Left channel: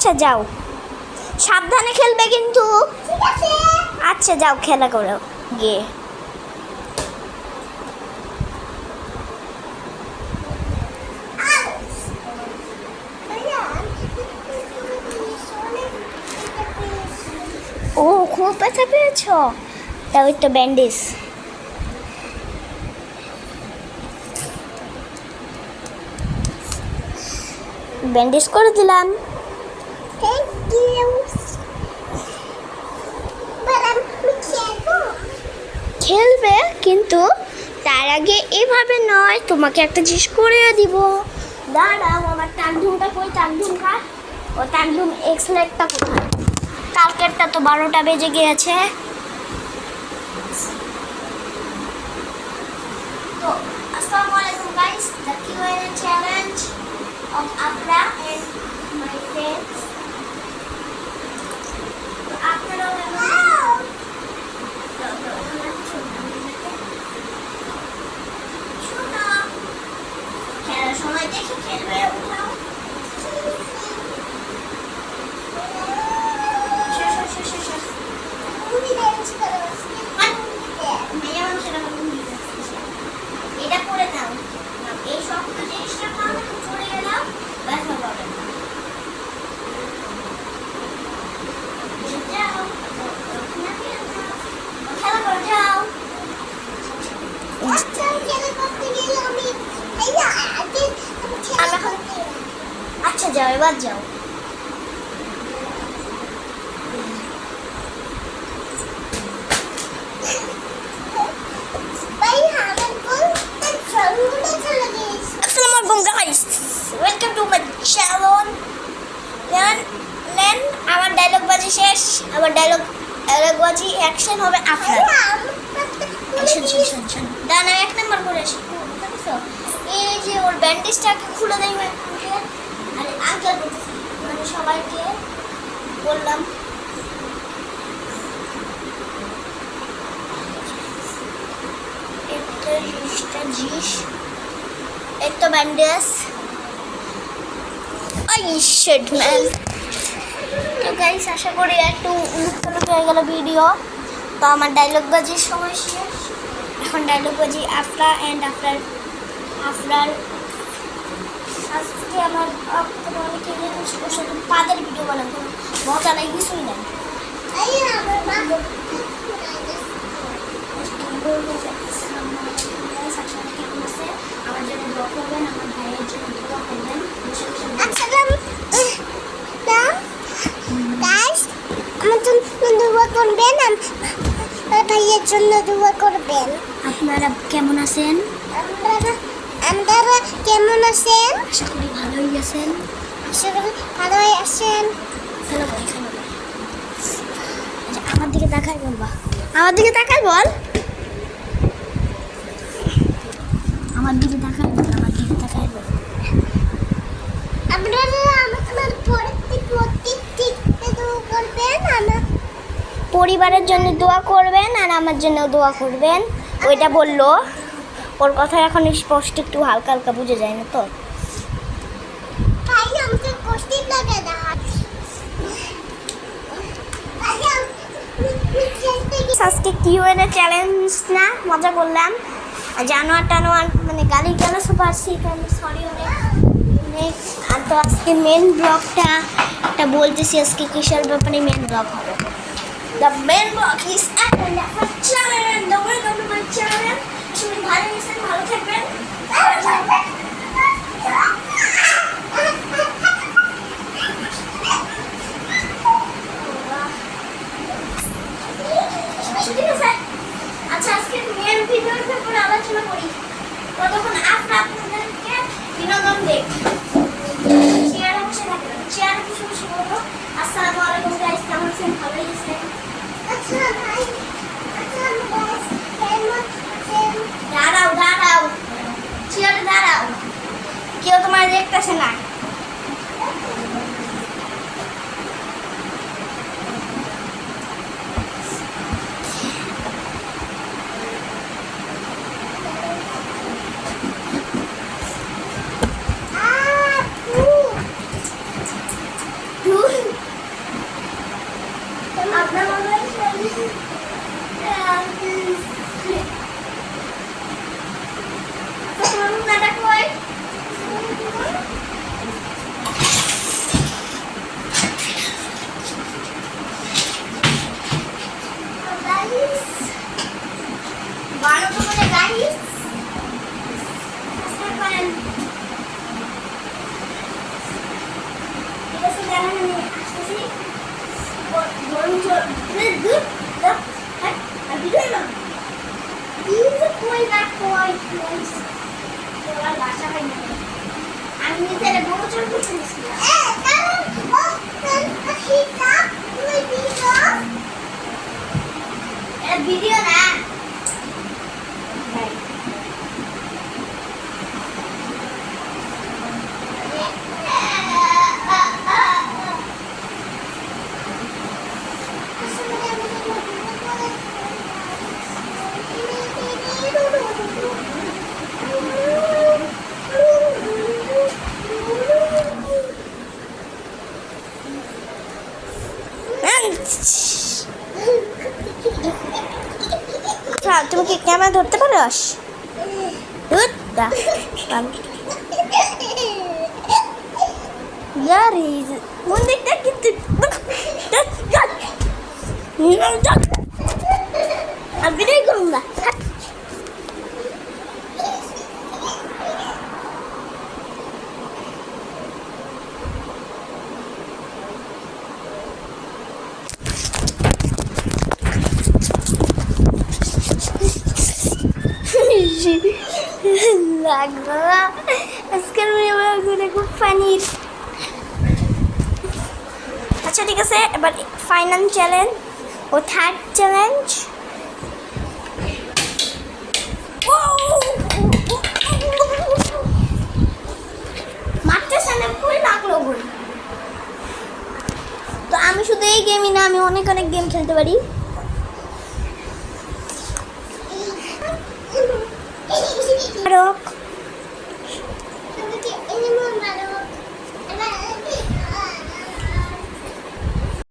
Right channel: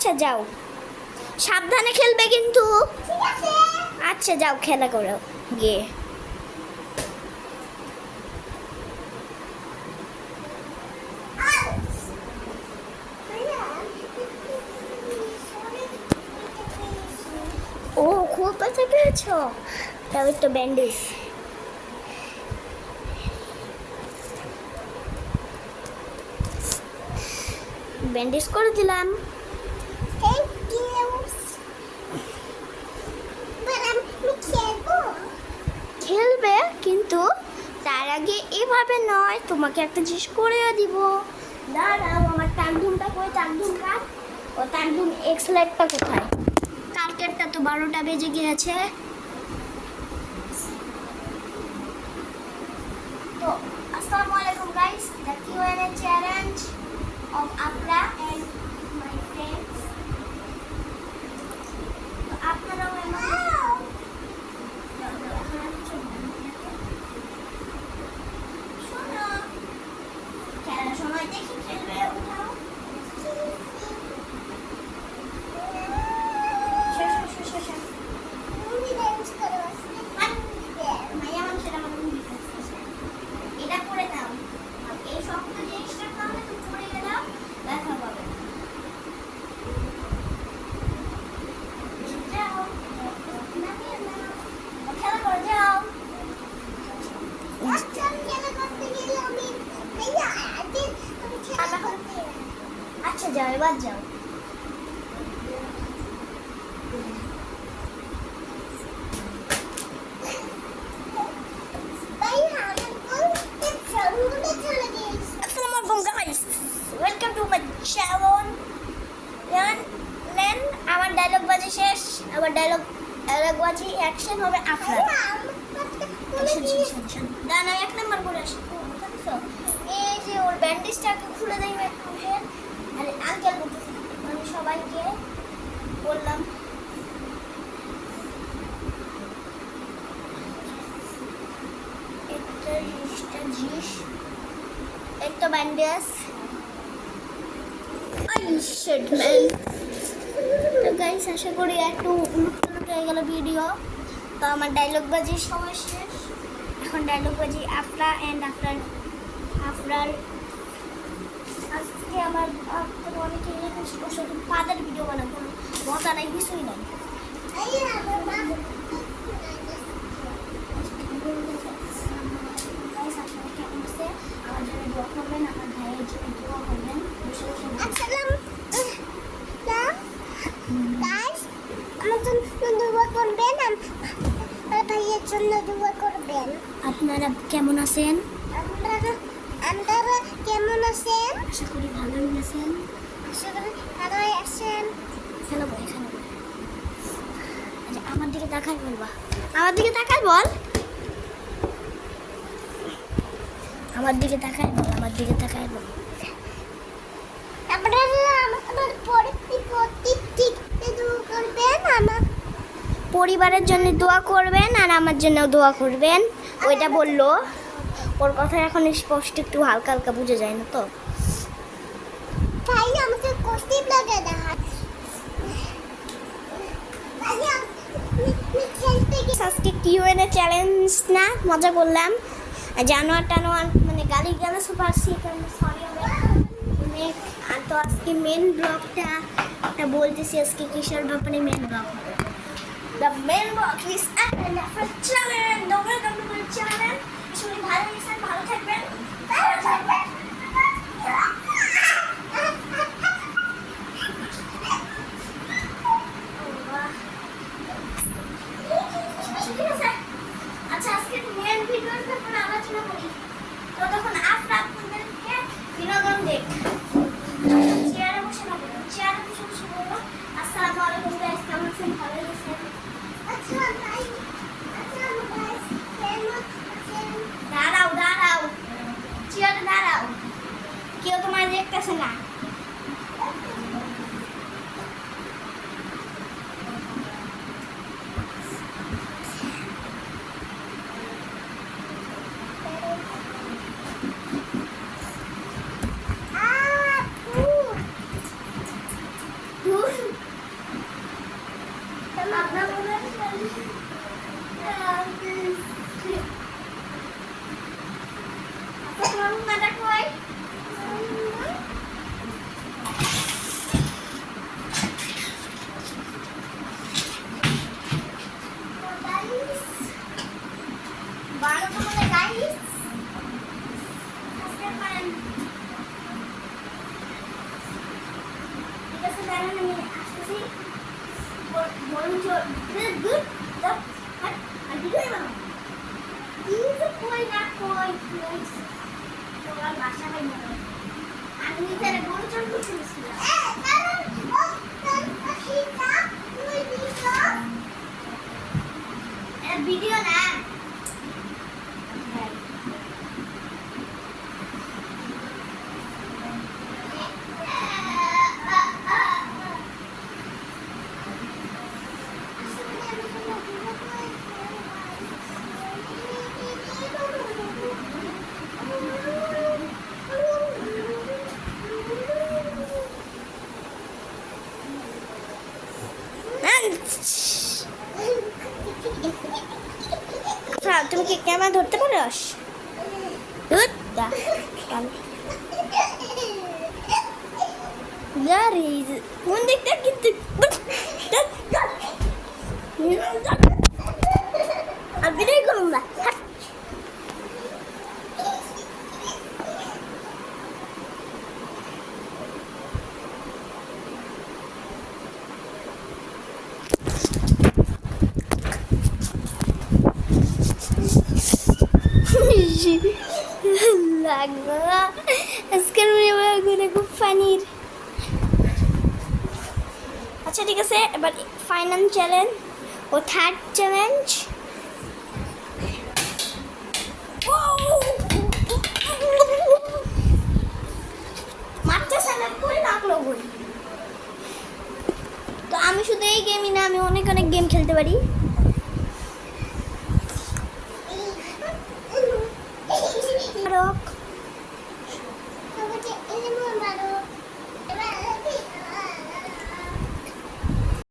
আচ্ছা যাও, সাবধানে খেলবে কিন্তু। আচ্ছা যাও, খেলা করো গিয়ে। ও খুব ব্যথা পেয়েছ, তাও একটা ব্যান্ডেজ। ব্যান্ডেজ করে দিলাম। খেলবে কিন্তু তার আগে এভাবে নয়, তোমাকে একটা জিনিস করে দিব। দাঁড়াও, আমার টাকডুমটা কই? টাকডুমটা, ও টাকডুম এক্সলেটটা কোথায়? কালকেরটা তো 12টা বেজে গিয়েছে। তো আসসালামু আলাইকুম guys, the Q&A challenge of Afra and my friends. তো আপনারাও খেলার সময় দেখে খেলবে। উঠাও, এটা পরে নাও, এই শক্ত জিনিসটা খাওয়া পড়ে গেলাম, ব্যথা পাবে না। খেলা করো, যাও। আচ্ছা যাও, এবার যাও। Welcome to my channel. নেন, আমার ডায়লগ বাজি শেষ। আমার ডায়লগ বাজি অ্যাকশন হবে আপনার। ডানা 1 নাম্বার করে আসি। এই যে ওর ব্যান্ডেজটাকে খুলে দেয় আরে আগে বলতেছি, মানে সবাইকে বললাম একটা একটা ব্যান্ডেজ। তো গাইস, আশা করি একটু উলুটপালট হয়ে গেল ভিডিও। তো আমার ডায়লগ বাজির সময় শেষ। এখন ডায়লগ বাজি আফরা অ্যান্ড আফরার। আজকে আমার অনেকে পাদের ভিডিও বানাবো, কোনো মজা নাই, কিছুই নাই। আমার জন্য দোয়া করবেন, আমার ভাইয়ের জন্য দোয়া করবেন। আমার জন্য দোয়া করবেন, আমার ভাইয়ের জন্য দোয়া করবেন। আপনারা কেমন আছেন? আপনারা কেমন আছেন? আশা করি ভালোই আছেন। আশা করি ভালোই আছেন। খেলো ভাই, খেলো ভাই। আচ্ছা, আমার দিকে তাকাই বলবা, আমার দিকে তাকাই বল, আমার দিকে তাকাই বল, আমার দিকে তাকাই বল। আপনারা আমার পরিবারের জন্য দোয়া করবেন আর আমার জন্য দোয়া করবেন। ওইটা বললো, ওর কথা এখন স্পষ্ট একটু হালকা হালকা বুঝে যায় না তো। আজকে Q&A চ্যালেঞ্জ না, মজা করলাম। জানোয়ার টানোয়ার মানে গালি গালা সব আসছি, সরি অনেক। আর তো আজকে মেন ব্লগটা বলতেছি, আজকে কিসের ব্যাপারে মেন ব্লগ হবে। The main blog is my channel. The welcome to my channel. সবাই ভালো আছেন, ভালো থাকবেন। আচ্ছা, আজকে মেন ভিডিওর ব্যাপারে আলোচনা করি। ততক্ষণ আপনাদেরকে বিনোদন দেখ। চেয়ারে বসে থাকবেন, চেয়ারে বসে বসে বলবো আসসালামু আলাইকুম গাইস, কেমন আছেন? ভালো আছেন? দাঁড়াও, চেয়ারে দাঁড়াও। দাঁড়ান আমি আসতেছি গরম জল দুধ দাও হ্যাঁ আর ভিডিও না কই না কই তোরা বাসা হয় না আমি তাহলে গরম জল করতেছিলাম ভিডিও না তুমি কি ক্যামেরা ধরতে পারোস কোন দিকটা কিন্তু আর বিদায় করুন না লাগবে আজকের ভিডিওগুলো খুব ফানি আচ্ছা ঠিক আছে এবার ফাইনাল চ্যালেঞ্জ ও থার্ড চ্যালেঞ্জ মারতেছে না কই নাকলো বলি তো আমি শুধু এই গেমই না আমি অনেক অনেক গেম খেলতে পারি রক